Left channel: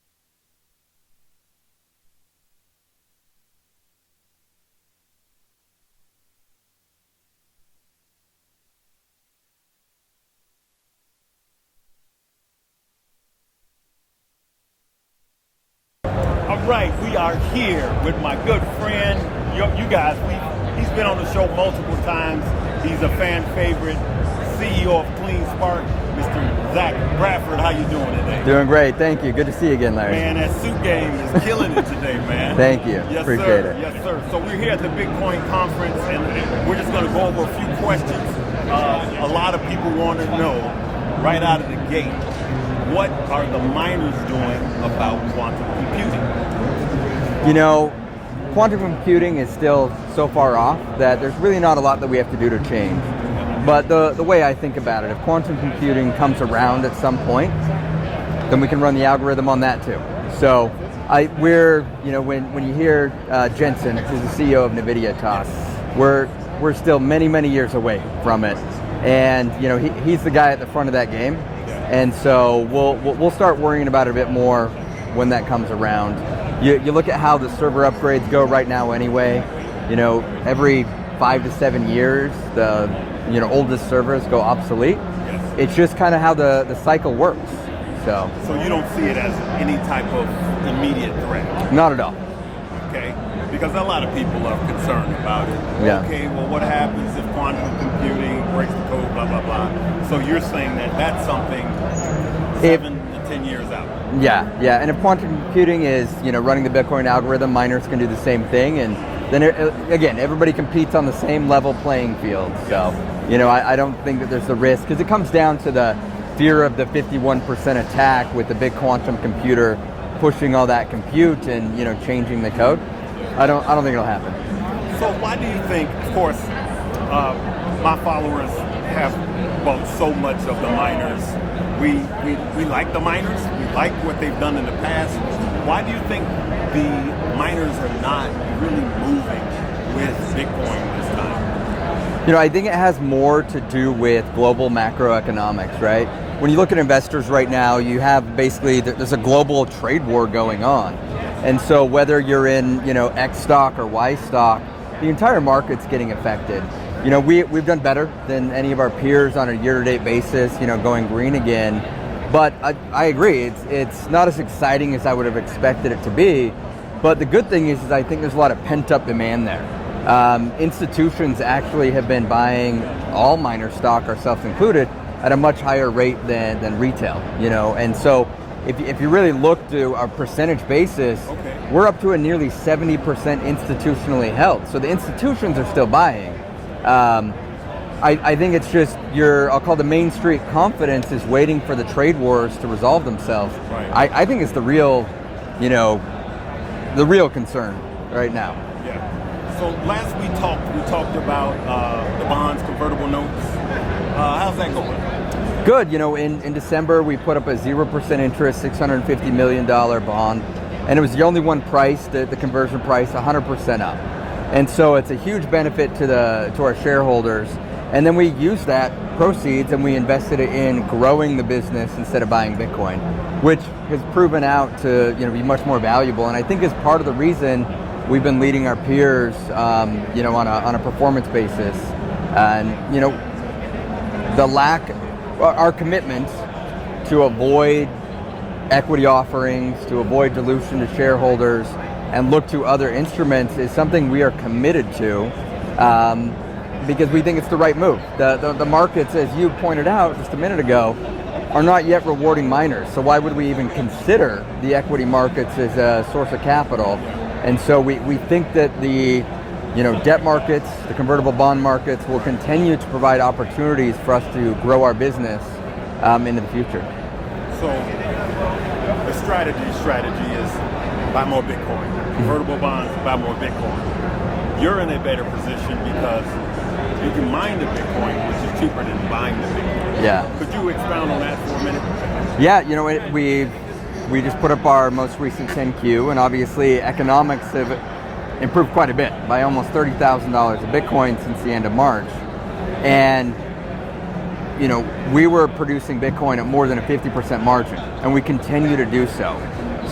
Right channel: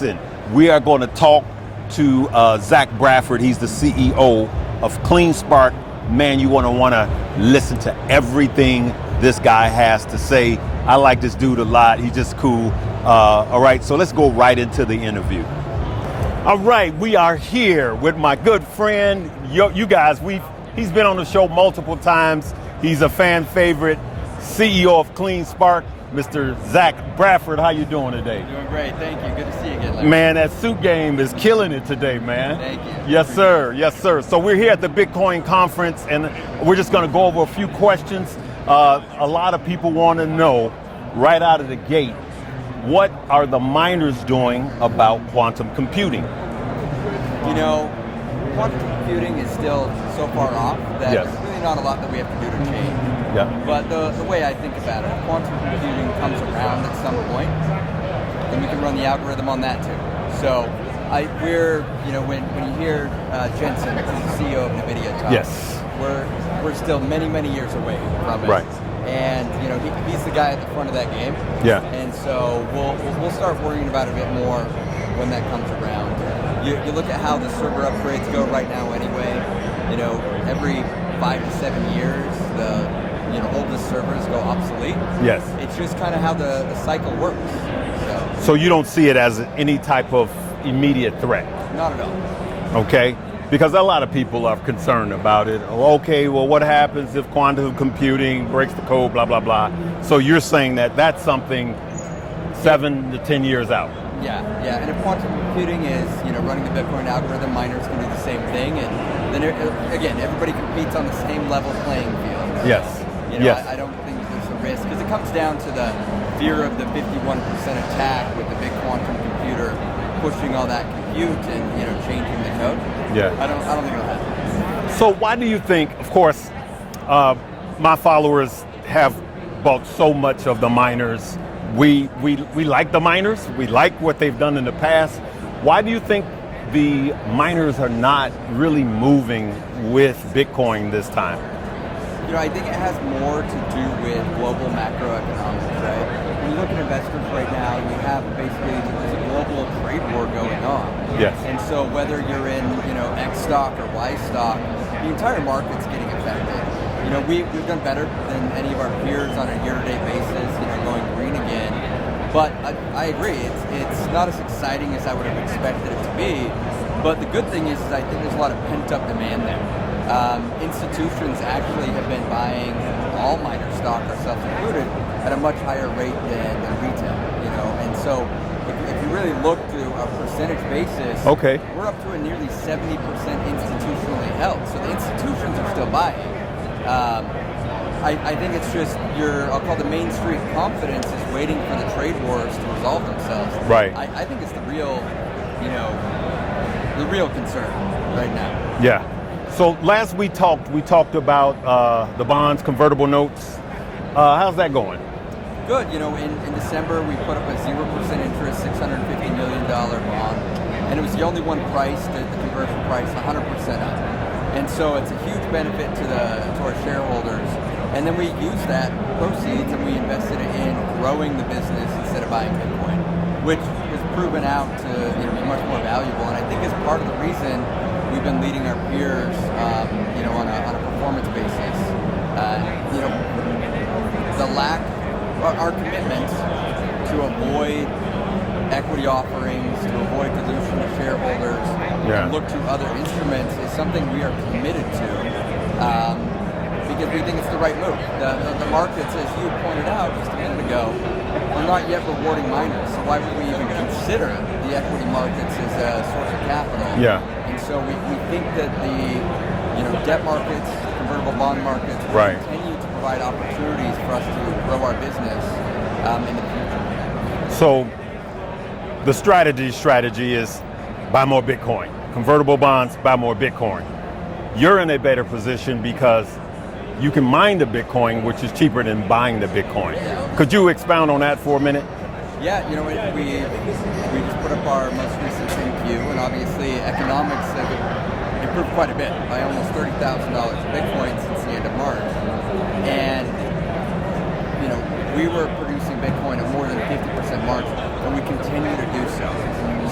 Listen, we are going to talk to Zach Bradford. He's the CEO of CleanSpark. Man, you want to listen to everything this guy has to say. I like this dude a lot. He's just cool. All right, so let's go right into the interview. All right, we are here with my good friend. You guys, he's been on the show multiple times. He's a fan favorite, CEO of CleanSpark, Mr. Zach Bradford. How you doing today? Doing great, thank you. Good to see you again, Larry. Man, that suit game is killing it today, man. Thank you. Yes, Appreciate sir. it. Yes, sir. So we're here at the Bitcoin conference, and we're just going to go over a few questions. A lot of people want to know, right out of the gate, what are the miners doing about quantum computing? You know, quantum computing is still so far off that there's really not a lot that we have to do to change. Yeah. But the way I think about it, if quantum computing comes around at some point, then we can run the algorithm on that too. So when you hear Jensen, who's the CEO of NVIDIA, talk, yes, we're still many years away from it. Right. And he's the guy at the front of that game. Yeah. And so we'll start worrying about it a bit more when that comes around. You look at how the server upgrades go right now anyway. Every 5 to 7 years, the oldest servers go obsolete. Yes. It's just kind of how the cycle works. So you don't see it as any type of immediate threat? Not at all. Okay. Because a lot of people are concerned about it. Yeah. Okay, well, what happens if quantum computing breaks the code, blah, blah, blah. So you're saying that that's something 7 to 10 years out? Yeah. And if quantum computing is, running the Bitcoin algorithm, miners can do the same thing. And then, again, everybody competes on the same level playing field. Yes. So, Yes. I don't think that there's the risk, because it comes down to the fear of the 51% attack with the big quantum computer pushing all that compute and, changing the code. Yeah. I don't think it'll happen. So why do you think, of course, my followers have bought so much of the miners. We like the miners. We like what they've done in the past. Why do you think the miners are not really moving with Bitcoin this time? I think it has more to do with global macroeconomics, right? When you look at investors right now, you have basically, there's a global trade war going on. Yes. And so whether you're in, X stock or Y stock, the entire market's getting affected. We've done better than any of our peers on a year-to-date basis, going green again. But I agree, it's not as exciting as I would have expected it to be. But the good thing is I think there's a lot of pent-up demand there. Institutions actually have been buying all miner stock, ourselves included, at a much higher rate than retail, and so if you really look to our percentage basis, okay, we're up to a nearly 70% institutionally held. So the institutions are still buying. I think it's just I'll call the Main Street confidence is waiting for the trade wars to resolve themselves. Right. I think it's the real concern right now. Yeah. So last we talked about the bonds, convertible notes. How's that going? Good. In December, we put up a 0% interest, $650 million bond, and it was the only one priced, the conversion price, 100% up. And so it's a huge benefit to our shareholders. And then we used that proceeds and we invested it in growing the business instead of buying Bitcoin, which has proven out to be much more valuable. And I think is part of the reason we've been leading our peers, on a performance basis. And our commitment to avoid equity offerings, to avoid dilution to shareholders, and look to other instruments is something we are committed to, because we think it's the right move. The markets, as you pointed out just a minute ago, are not yet rewarding miners. So why would we even consider the equity markets as a source of capital? Yeah. And so we think that the debt markets, the convertible bond markets will continue to provide opportunities for us to grow our business into the future. So the strategy is buy more Bitcoin. Convertible bonds, buy more Bitcoin. You're in a better position because you can mine the Bitcoin, which is cheaper than buying the Bitcoin. Yeah. Could you expound on that for a minute? Yeah, we just put up our most recent 10Q, and obviously economics have improved quite a bit, by almost $30,000 of Bitcoin since the end of March. And we were producing Bitcoin at more than a 50% margin, and we continue to do so.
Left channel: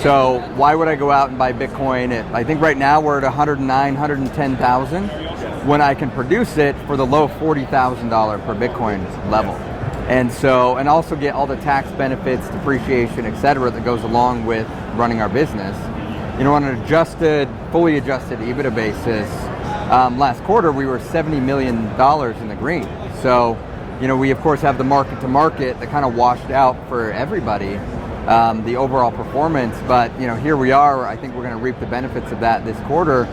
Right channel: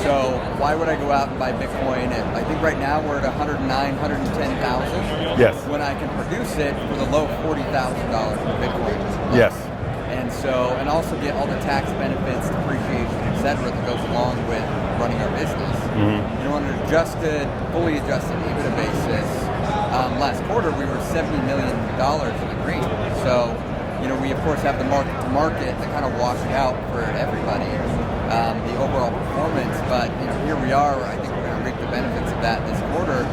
So why would I go out and buy Bitcoin I think right now we're at 109, 110,000. Yes. When I can produce it for the low $40,000 per Bitcoin level. Yes. And so, and also get all the tax benefits, depreciation, et cetera, that goes along with running our business. Mm-hmm. You know, on an fully adjusted EBITDA basis, last quarter we were $70 million in the green. So, you know, we of course have the market to market that kind of washed out for everybody, the overall performance. But, you know, here we are, I think we're going to reap the benefits of that this quarter.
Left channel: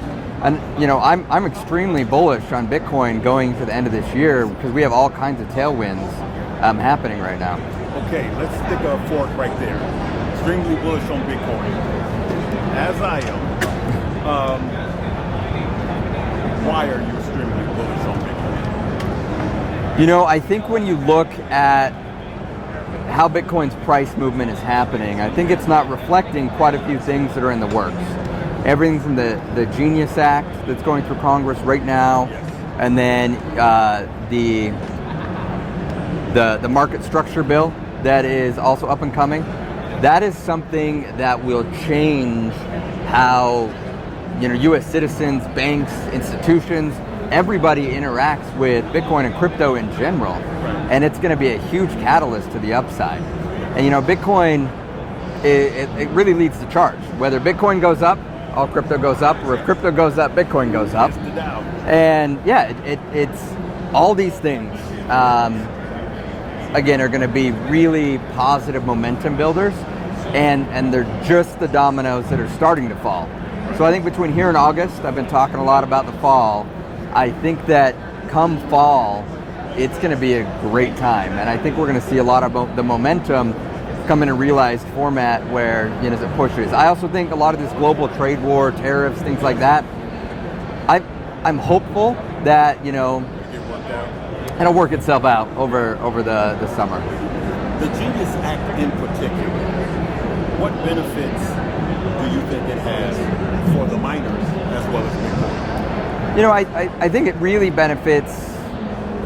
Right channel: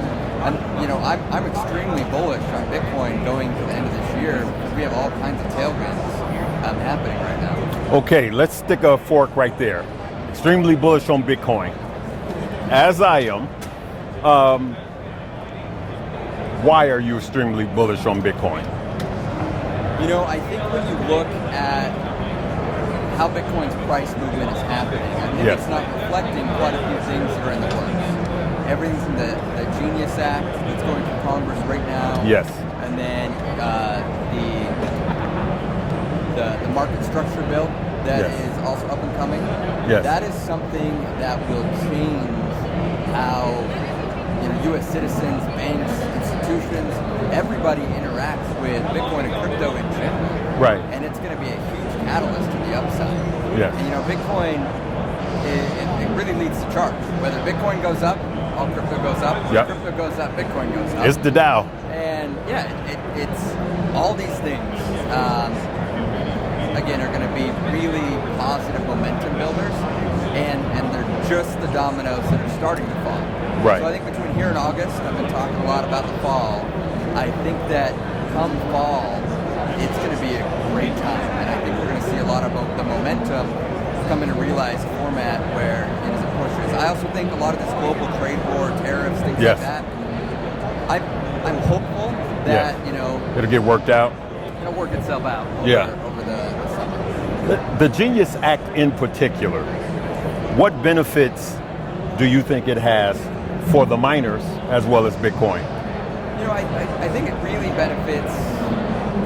And, you know, I'm extremely bullish on Bitcoin going to the end of this year because we have all kinds of tailwinds happening right now. Okay, let's stick a fork right there. Extremely bullish on Bitcoin, as I am. Why are you extremely bullish on Bitcoin? You know, I think when you look at how Bitcoin's price movement is happening, I think it's not reflecting quite a few things that are in the works. Everything from the Genius Act that's going through Congress right now. Yes. And then the market structure bill that is also up and coming. Yes. That is something that will change how, you know, U.S. citizens, banks, institutions, everybody interacts with Bitcoin and crypto in general. Right. And it's going to be a huge catalyst to the upside. Yeah. And, you know, Bitcoin, it really leads the charge. Whether Bitcoin goes up, all crypto goes up. Or if crypto goes up, Bitcoin goes up. It's the Dow. And yeah, it's all these things, again, are going to be really positive momentum builders. And they're just the dominoes that are starting to fall. Right. So I think between here and August, I've been talking a lot about the fall. I think that come fall, it's going to be a great time. And I think we're going to see a lot of the momentum come in a realized format where, you know, as it pushes. I also think a lot of this global trade war, tariffs, things like that, I'm hopeful that, you know, it'll get worked out. It'll work itself out over the summer. The Genius Act in particular, what benefits do you think it has for the miners as well as Bitcoin? You know, I think it really benefits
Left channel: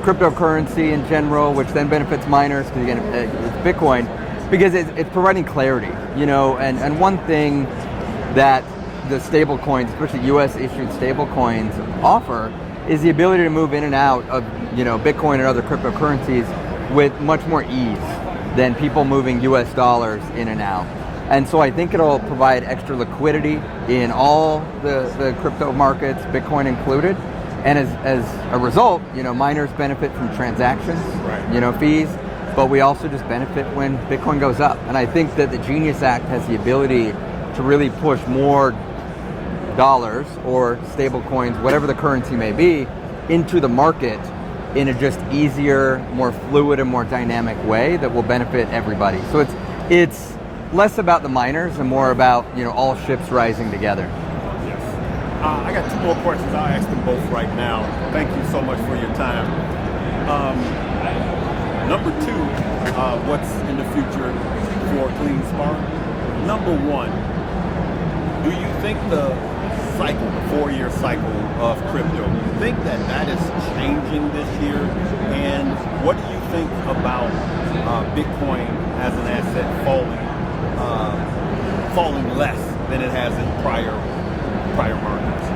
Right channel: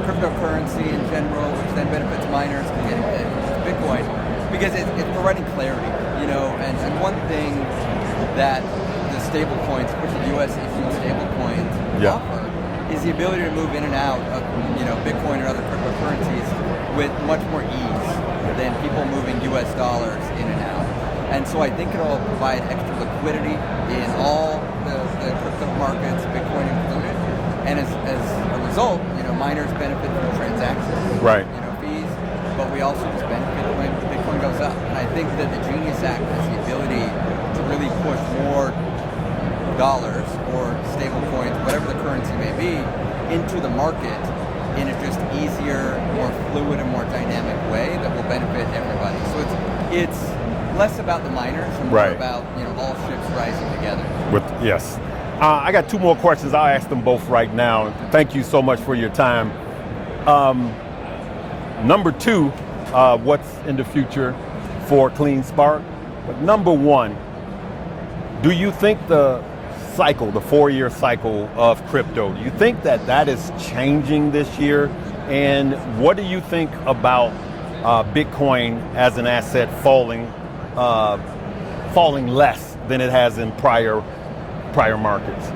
cryptocurrency in general, which then benefits miners, because again, it's Bitcoin, because it's providing clarity, you know, and one thing that the stable coins, especially US issued stable coins, offer is the ability to move in and out of, you know, Bitcoin and other cryptocurrencies with much more ease than people moving US dollars in and out. And so I think it'll provide extra liquidity in all the crypto markets, Bitcoin included. And as a result, you know, miners benefit from transactions, you know, fees, but we also just benefit when Bitcoin goes up. And I think that the Genius Act has the ability to really push more dollars or stable coins, whatever the currency may be, into the market in a just easier, more fluid and more dynamic way that will benefit everybody. So it's less about the miners and more about, you know, all ships rising together. I got two more questions. I'll ask them both right now. Thank you so much for your time. Number two, what's in the future for CleanSpark? Number one, do you think the cycle, the 4-year cycle of crypto, do you think that is changing this year? And what do you think about Bitcoin as an asset falling less than it has in prior markets?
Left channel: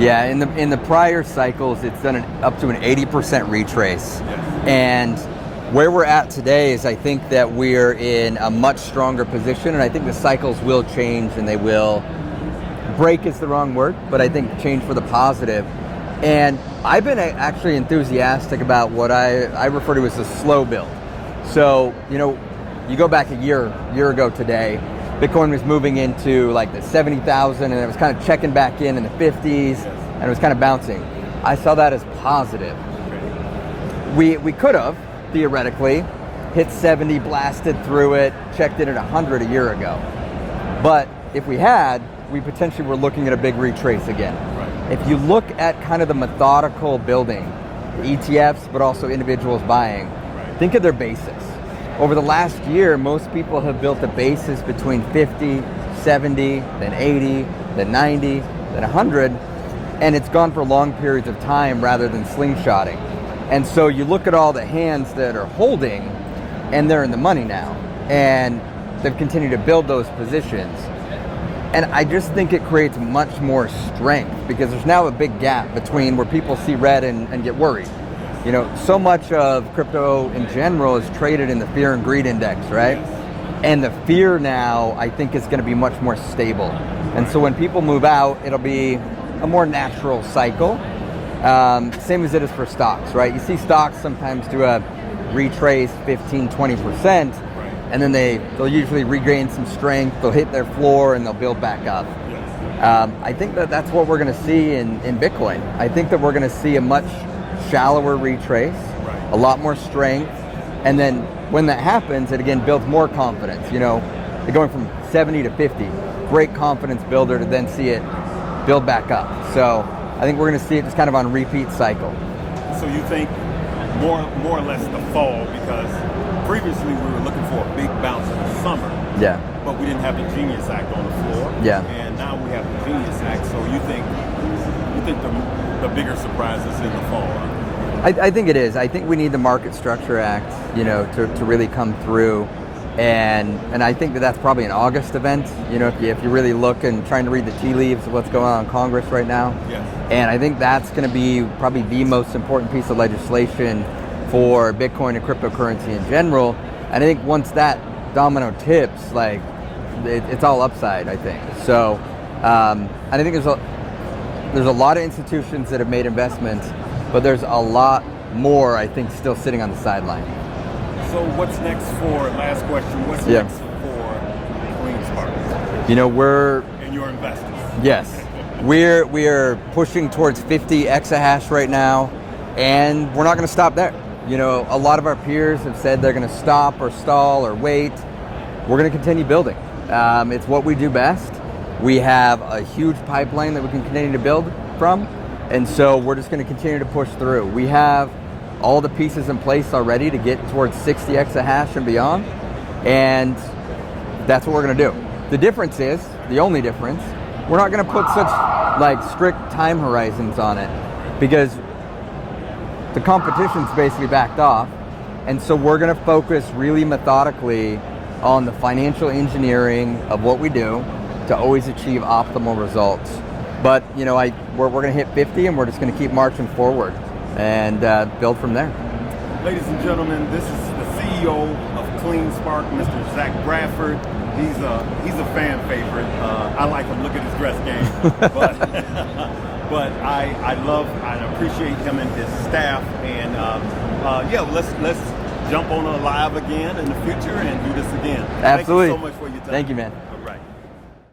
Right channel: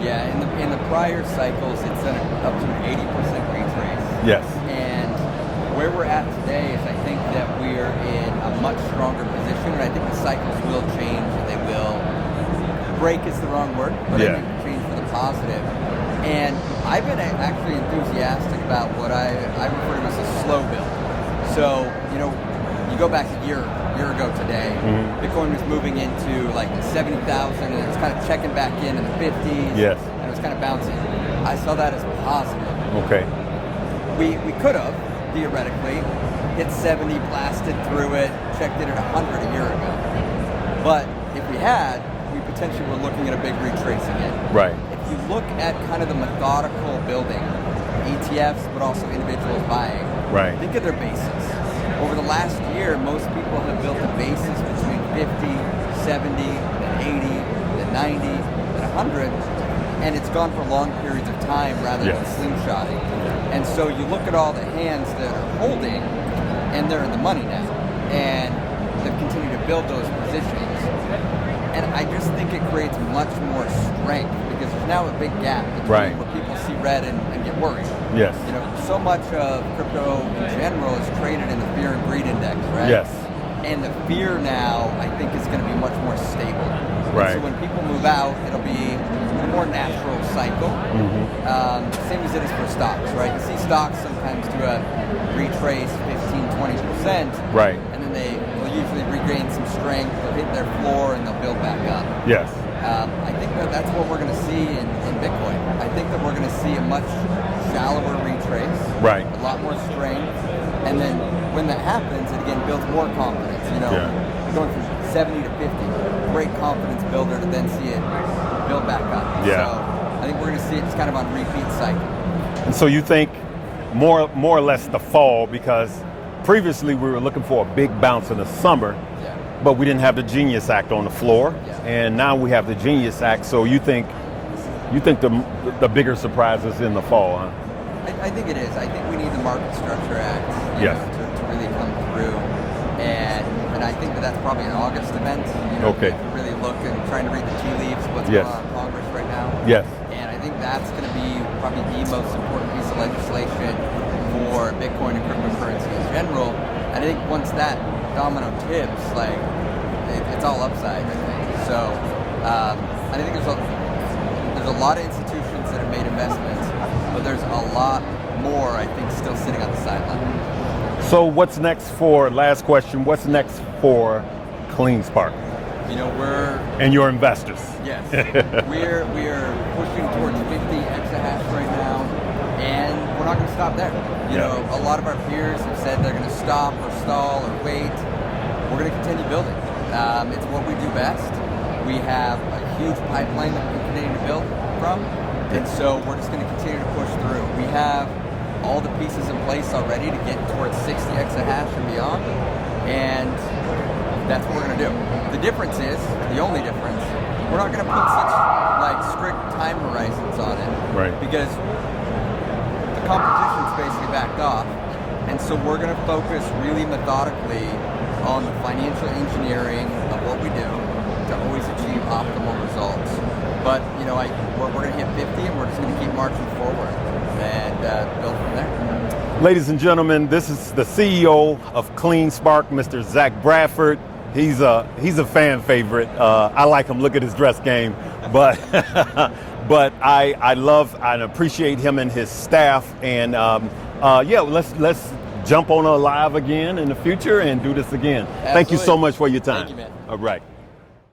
Yeah, in the prior cycles, it's done up to an 80% retrace. Yes. And where we're at today is I think that we're in a much stronger position, and I think the cycles will change, and they will break is the wrong word, but I think change for the positive. And I've been actually enthusiastic about what I refer to as a slow build. So, you know, you go back a year ago today, Bitcoin was moving into like the 70,000, and it was kind of checking back in the 50s, and it was kind of bouncing. I saw that as positive. Okay. We could have, theoretically, hit 70, blasted through it, checked in at 100 a year ago. But if we had, we potentially were looking at a big retrace again. Right. If you look at kind of the methodical building, the ETFs, but also individuals buying, think of their basis. Over the last year, most people have built a basis between 50, 70, then 80, then 90, then 100, and it's gone for long periods of time rather than slingshotting. And so you look at all the hands that are holding, and they're in the money now, and they've continued to build those positions. And I just think it creates much more strength because there's now a big gap between where people see red and get worried. Yes. You know, so much of crypto in general is traded in the fear and greed index, right? Yes. And the fear now, I think, is going to be much more stable. Right. And so when people move out, it'll be a more natural cycle. Same as it is for stocks, right? You see stocks sometimes do a retrace 15, 20%. Right. And then they'll usually regain some strength, they'll hit their floor, and they'll build back up. Yes. I think that's what we're going to see in Bitcoin. I think that we're going to see a much shallower retrace, Right. a lot more strength, and then when that happens, it again builds more confidence. You know, You're going from 70 to 50, great confidence builder to then see it build back up. Yeah. So I think we're going to see it just kind of on repeat cycle. And so you think more or less the fall, because previously we were looking for a big bounce in the summer. Yeah. But we didn't have the Genius Act on the floor. Yeah. And now we have the Genius Act. So you think the bigger surprise is in the fall, huh? I think it is. I think we need the Market Structure Act, you know, to really come through, and I think that's probably an August event. You know, if you really look and trying to read the tea leaves of what's going on in Congress right now. Yes. And I think that's going to be probably the most important piece of legislation for Bitcoin and cryptocurrency in general. And I think once that domino tips, like it's all upside, I think. So, and I think there's a lot of institutions that have made investments, but there's a lot more, I think, still sitting on the sideline. So what's next last question, what's next for CleanSpark? You know, and your investors. Yes. we're pushing towards 50 exahash right now, and we're not going to stop there. You know, a lot of our peers have said they're going to stop or stall or wait. We're going to continue building. It's what we do best. We have a huge pipeline that we can continue to build from, and so we're just going to continue to push through. We have all the pieces in place already to get towards 60 exahash and beyond, and that's what we're going to do. The difference is, the only difference, we're not going to put such like strict time horizons on it, right? Because the competition's basically backed off, and so we're going to focus really methodically on the financial engineering of what we do to always achieve optimal results. But you know, we're going to hit 50, and we're just going to keep marching forward and build from there. Ladies and gentlemen, this is the CEO of CleanSpark, Mr. Zach Bradford. He's a fan favorite. I like him. Look at his dress game, but but I appreciate him and his staff. And let's jump on a live again in the future and do this again. Absolutely. Thank you so much for your time. Thank you, man. All right.